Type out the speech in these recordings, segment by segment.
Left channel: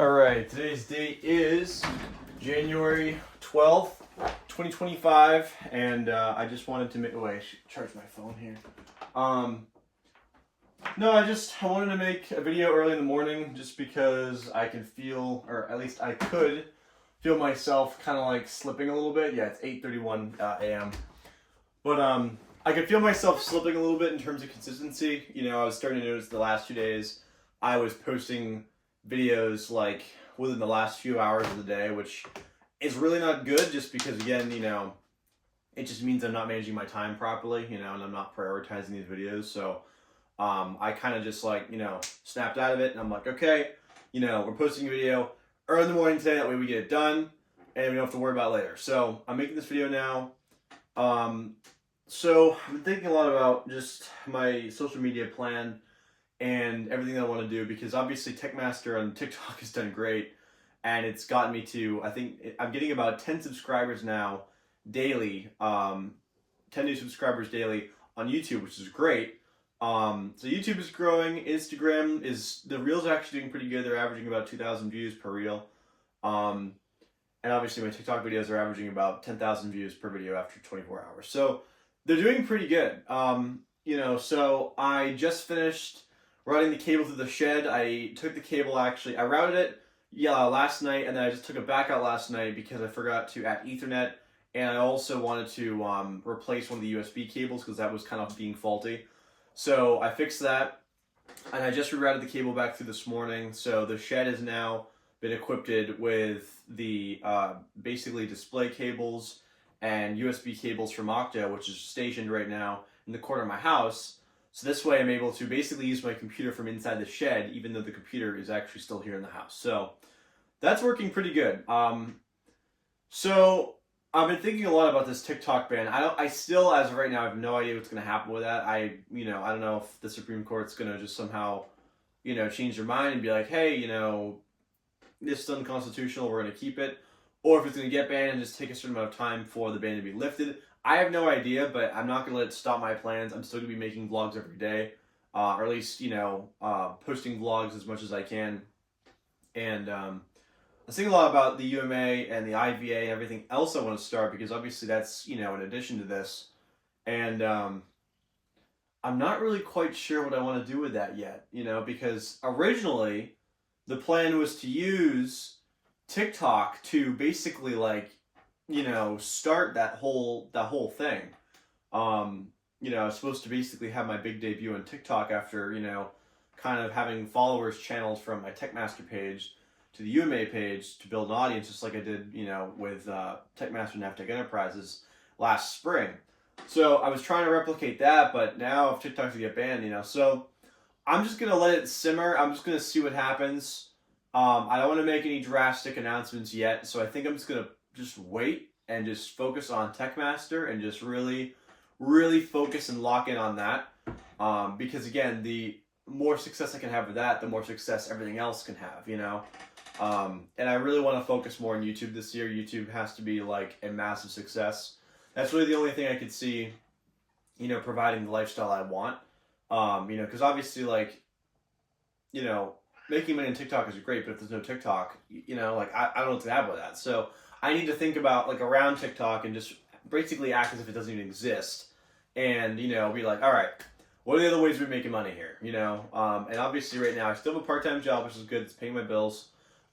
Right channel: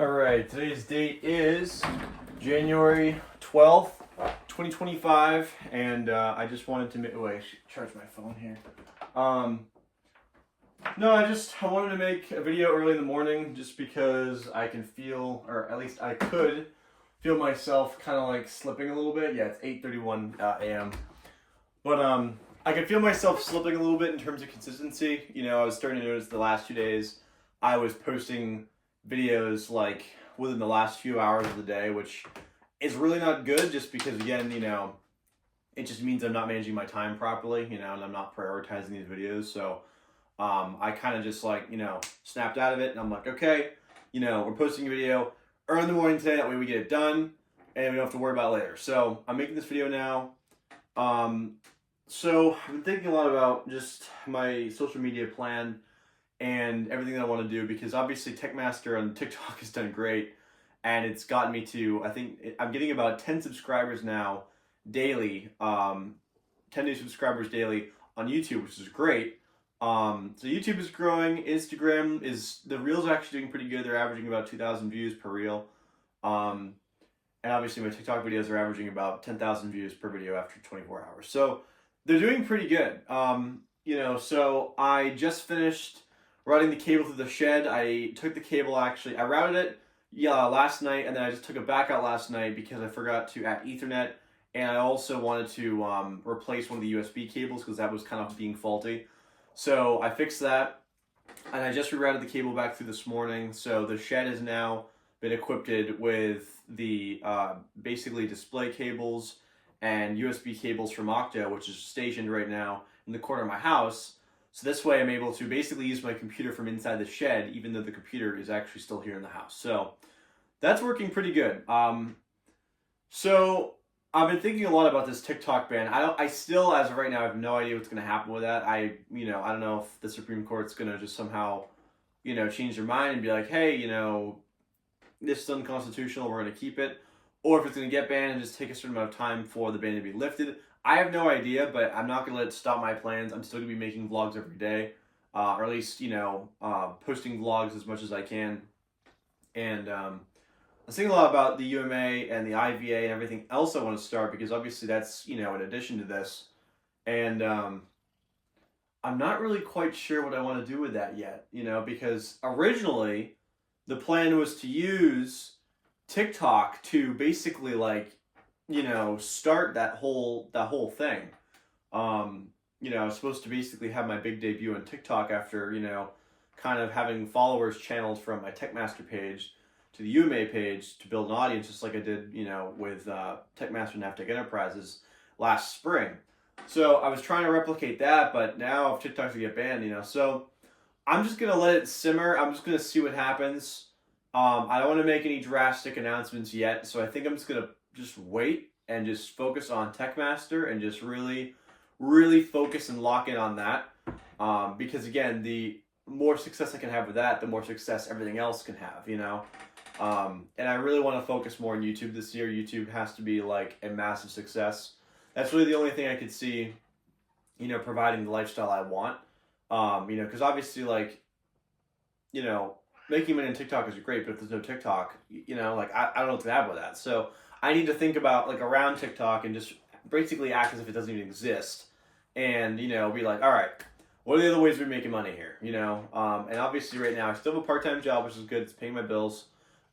Alright, today's date is January 12th, 2025, and I just wanted to make, oh wait, I should charge my phone here. No, I wanted to make a video early in the morning just because I can feel, or at least I could feel myself kind of like slipping a little bit. Yeah, it's 8:31 a.m. But I could feel myself slipping a little bit in terms of consistency. You know, I was starting to notice the last 2 days I was posting videos like within the last few hours of the day, which is really not good just because, again, you know, it just means I'm not managing my time properly, you know, and I'm not prioritizing these videos. So I kind of just like, you know, snapped out of it, and I'm like, okay, you know, we're posting a video early in the morning today, that way we get it done and we don't have to worry about it later. So I'm making this video now. So I've been thinking a lot about just my social media plan and everything that I want to do, because obviously Techmaster on TikTok has done great, and it's gotten me to, I think I'm getting about 10 subscribers now daily, 10 new subscribers daily on YouTube, which is great. So YouTube is growing. Instagram is, the reels are actually doing pretty good. They're averaging about 2,000 views per reel. And obviously my TikTok videos are averaging about 10,000 views per video after 24 hours. So they're doing pretty good. You know, so I just finished routing the cable through the shed. I took the cable, actually, I routed it last night, and then I just took it back out last night because I forgot to add Ethernet, and I also wanted to replace one of the USB cables because that was kind of being faulty. So I fixed that, and I just rerouted the cable back through this morning. So the shed has now been equipped with the basically display cables and USB cables from Octa, which is stationed right now in the corner of my house. So this way I'm able to basically use my computer from inside the shed, even though the computer is actually still here in the house. So that's working pretty good. So I've been thinking a lot about this TikTok ban. I still, as of right now, I have no idea what's going to happen with that. I don't know if the Supreme Court's going to just somehow, you know, change their mind and be like, hey, you know, this is unconstitutional, we're going to keep it. Or if it's going to get banned and just take a certain amount of time for the ban to be lifted. I have no idea, but I'm not going to let it stop my plans. I'm still going to be making vlogs every day, or at least, you know, posting vlogs as much as I can. And I was thinking a lot about the UMA and the IVA and everything else I want to start, because obviously that's, you know, in addition to this. And I'm not really quite sure what I want to do with that yet, you know, because originally the plan was to use TikTok to basically, like, you know, start that whole thing. You know, I was supposed to basically have my big debut on TikTok after, you know, kind of having followers channeled from my Techmaster page to the UMA page to build an audience, just like I did, you know, with Techmaster and Navtech Enterprises last spring. So I was trying to replicate that, but now if TikTok's gonna get banned, you know, so I'm just gonna let it simmer. I'm just gonna see what happens. I don't want to make any drastic announcements yet, so I think I'm just gonna wait and just focus on Techmaster and just really focus and lock in on that. Because again, the more success I can have with that, the more success everything else can have, you know. And I really want to focus more on YouTube this year. YouTube has to be like a massive success. That's really the only thing I could see, you know, providing the lifestyle I want. You know, because obviously, like, you know, making money on TikTok is great, but if there's no TikTok, you know, like, I don't know what to have with that. So I need to think about, like, around TikTok and just basically act as if it doesn't even exist. And, you know, be like, all right, what are the other ways we're making money here, you know? And obviously right now I still have a part-time job, which is good. It's paying my bills.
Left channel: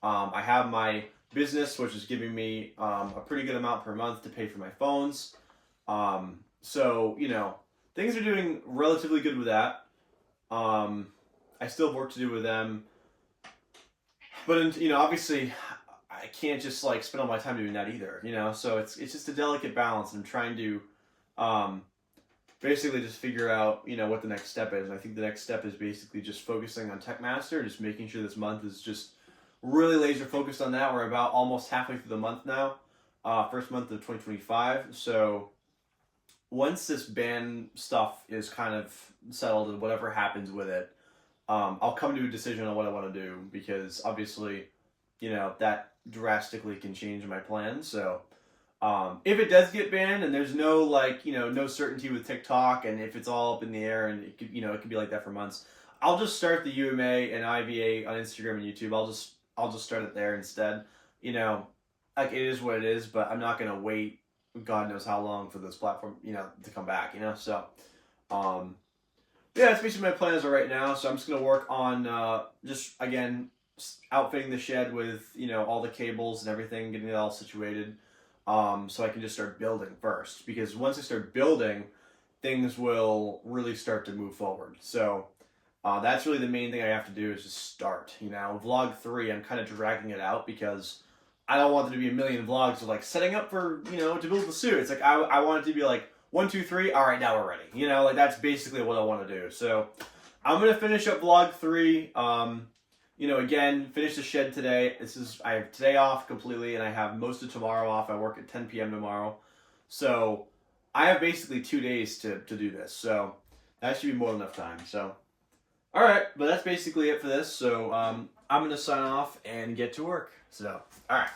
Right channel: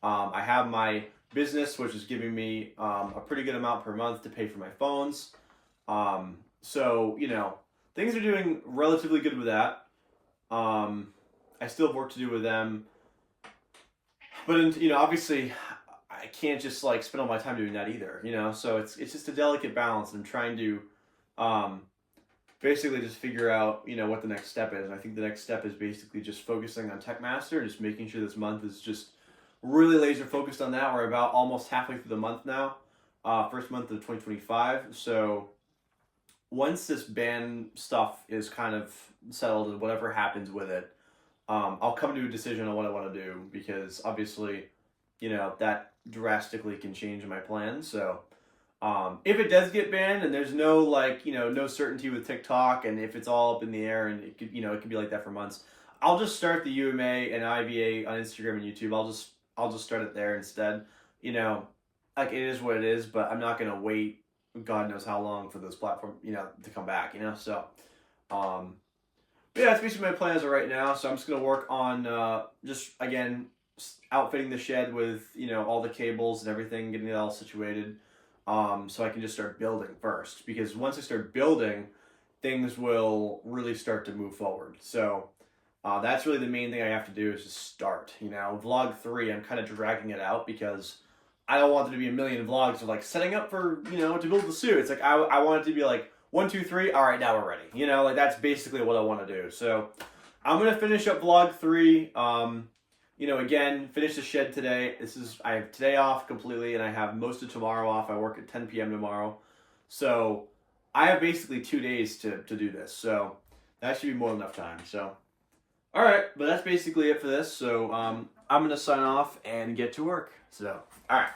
I have my business, which is giving me a pretty good amount per month to pay for my phones. So, you know, things are doing relatively good with that. I still have work to do with them. But, you know, obviously I can't just like spend all my time doing that either, you know? So it's just a delicate balance. I'm trying to basically just figure out, you know, what the next step is. And I think the next step is basically just focusing on Techmaster, just making sure this month is just really laser focused on that. We're about almost halfway through the month now, first month of 2025. So once this ban stuff is kind of settled and whatever happens with it, I'll come to a decision on what I want to do, because obviously, you know, that drastically can change my plans. So if it does get banned and there's no, like, you know, no certainty with TikTok, and if it's all up in the air and it could, you know, it could be like that for months, I'll just start the UMA and IVA on Instagram and YouTube. I'll just I'll just start it there instead. You know, like it is what it is, but I'm not gonna wait God knows how long for this platform, you know, to come back, you know. So, um, yeah, that's basically my plan as of right now. So I'm just gonna work on just again outfitting the shed with all the cables and everything, getting it all situated, so I can just start building first. Because once I start building, things will really start to move forward. So that's really the main thing I have to do is just start. Vlog 3, I'm kind of dragging it out because I don't want there to be a million vlogs of like setting up for to build the suit. It's like I want it to be like 1, 2, 3. All right, now we're ready. Like that's basically what I want to do. So I'm gonna finish up vlog 3. Again, finish the shed today. I have today off completely, and I have most of tomorrow off. I work at 10 p.m. tomorrow, so I have basically 2 days to do this. So that should be more than enough time. So, all right, but that's basically it for this. So I'm gonna sign off and get to work. So, all right.